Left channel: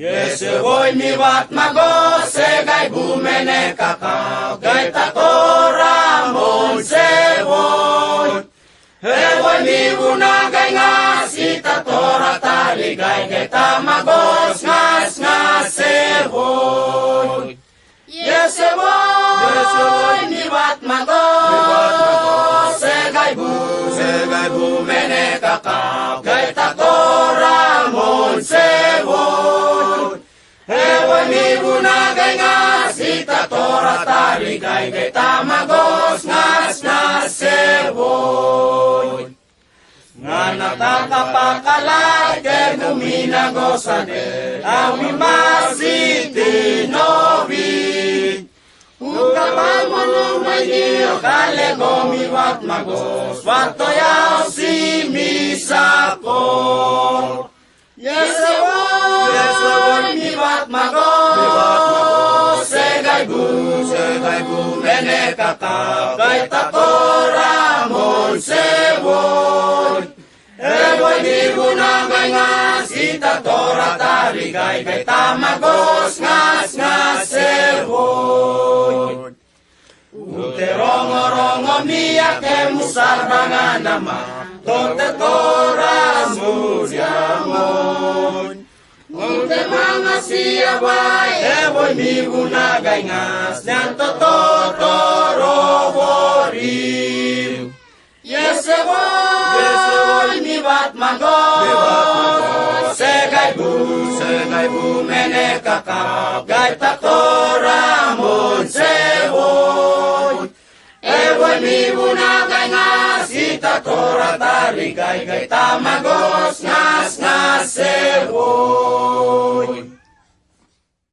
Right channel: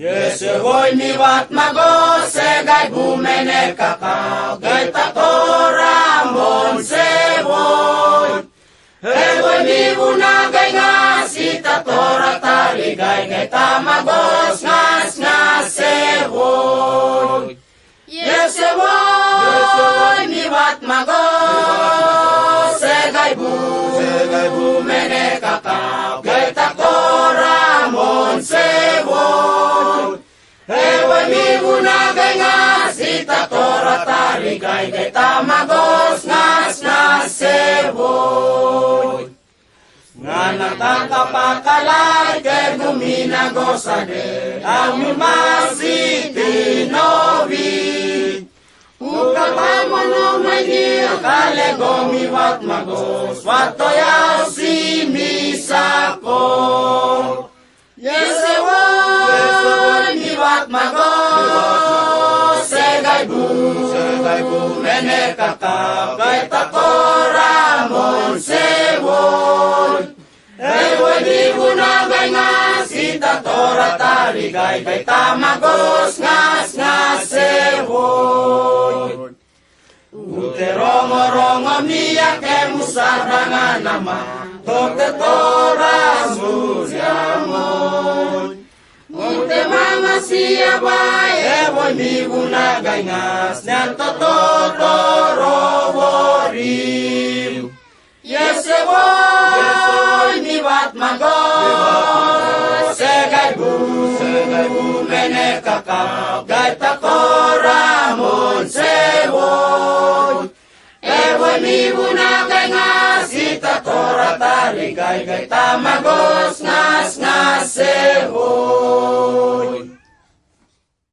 Yesewoy miwat mago segay bumene kakao geta koramon sewoy. Ewoy miwunagay ngas ita tora taligay geta magos ngas sewoy. Yesewoy miwat mago segay bumene kakao geta koramon sewoy. Ewan miwunagay ngas ita tora taligay geta magos ngas sewoy. Nga natakapakalay ker guminagosane ang masitinobi. Ukapal mo nung may niyo kale gomiwat magos watoyaw si misako. Yesewoy miwat magos segay mene kakao kay takoramon sewoy. Ewoy di bunagay ngas ita tora taligay kay tamagos ngas sewoy. Uterongo-rongo miyak musarbangan nama Dokter Toras Muriamon. Ute mga siyabay ewoy miwunagay ngas nyan totorowori. Yesewoy miwat magos segay mene kakao gay takoramon sewoy. Ewoy miwunagay ngas ita tora taligay gay tamagos ngas sewoy.